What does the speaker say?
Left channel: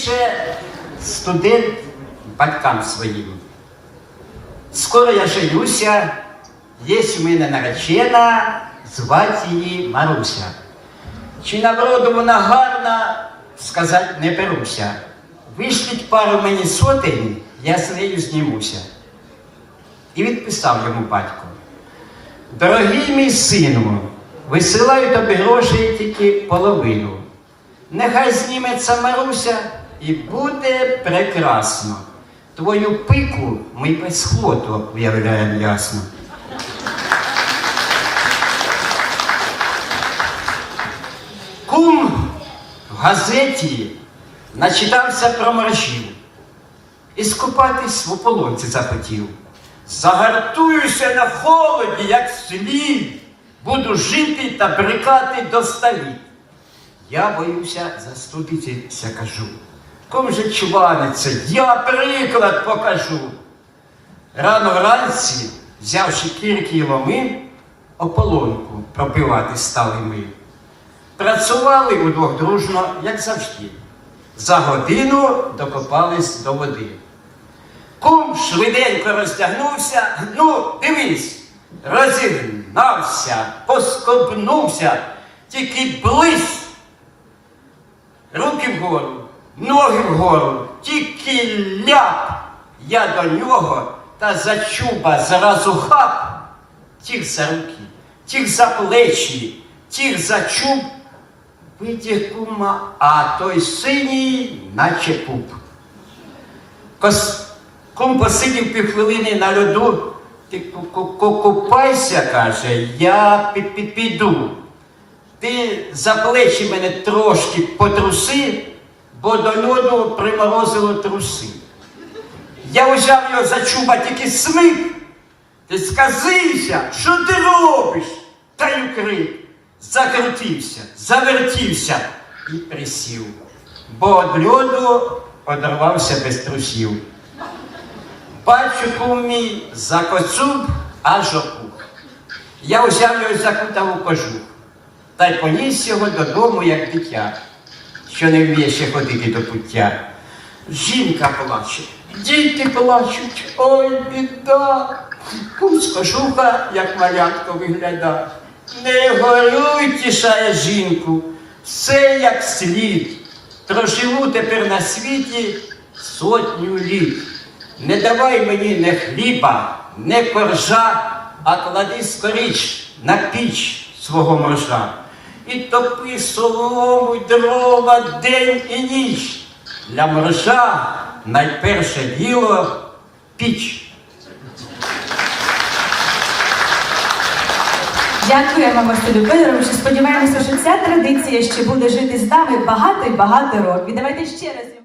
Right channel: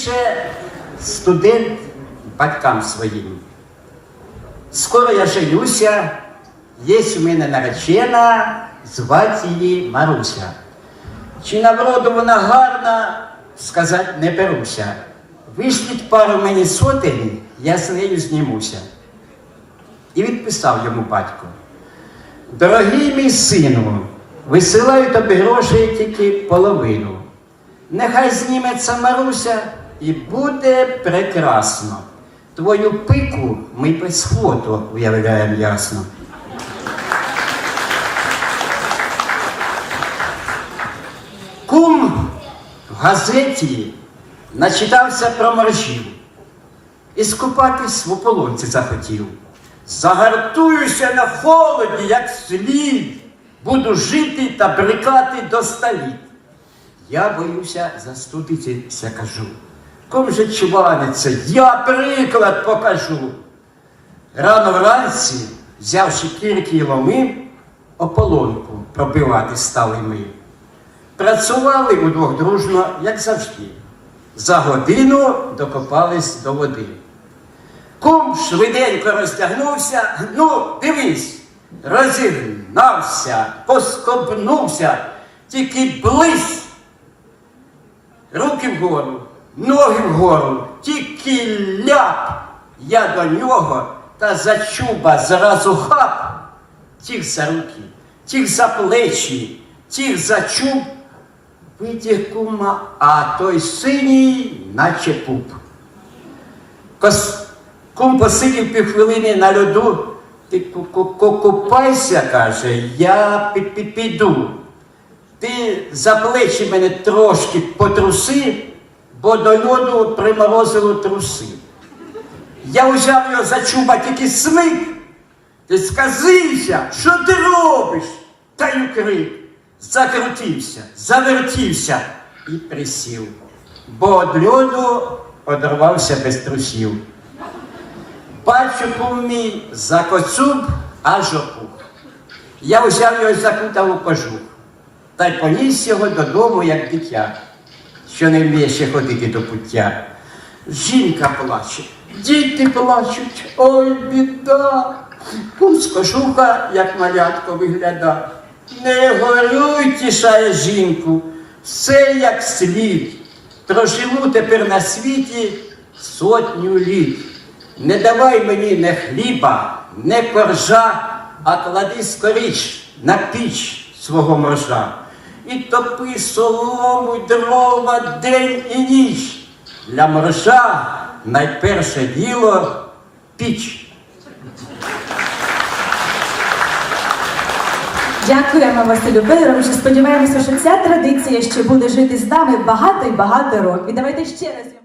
пише студент батькам своїм. Скоро я женюся, є у мене наречена, звати її Маруся. Чи на вроду вона гарна, сказати не беруся. Вишліть пару мені сотень, я з нею знімуся. І відписав йому батько. Дорогий мій сину, висилаю тобі грошей тільки половину. Нехай зніметься Маруся і буде прекрасно. Твою пику ми без фото уявляємо ясно. Кум в газеті начитався про моржів і скупатись в ополонці захотів. Загартуюся на холоді, як слід, буду жити та брикати до століт. Я боюся застудитися, кажу. Ком же чваниться, я приклад покажу. Рано вранці, взявши кірки й ломи, ополонку пробивати стали ми. Працювали удвох дружно, як завжди. За годину докопались до води. Кум швиденько роздягнувся, ну, дивись, розігнався, поскобнувся, тільки близь. Руки вгору, ноги вгору, тільки ляп. Я до нього та за чуба зразу хап. Тих за руки, тих за плечі, тих за чуб. Витяг кума, а той синій, наче пуп. Кос... Кум посидів півхвилини на льоду. Ти ку- ку- ку- купайся, каже, я пі- пі- піду. Ти за плечі мене трошки потруси, бо до льоду приморозило труси. Я взяв його за чуба тільки смик. Ти сказився, що ти робиш? Та й крик. Закрутився, завертівся і присів. Бо від льоду одорвався без трусів. Кум мій за коцюб аж опух. Я взяв його закутав у кожух та й поніс його додому, як дитя, що не вміє ще ходити до пуття. Жінка плаче, діти плачуть, ой, біда. З як малятко виглядає. Не горюй, тішає жінку, все як слід. Проживу тепер на світі сотню літ. Не давай мені не хліба, не коржа, а клади скоріч на піч свого моржа. І топи солому дрова день і ніч. Для мриша найперше діло піч. Дякуємо Василю Федоровичу. Сподіваємося, що ця традиція ще буде жити з нами багато і багато років. Давайте ще раз.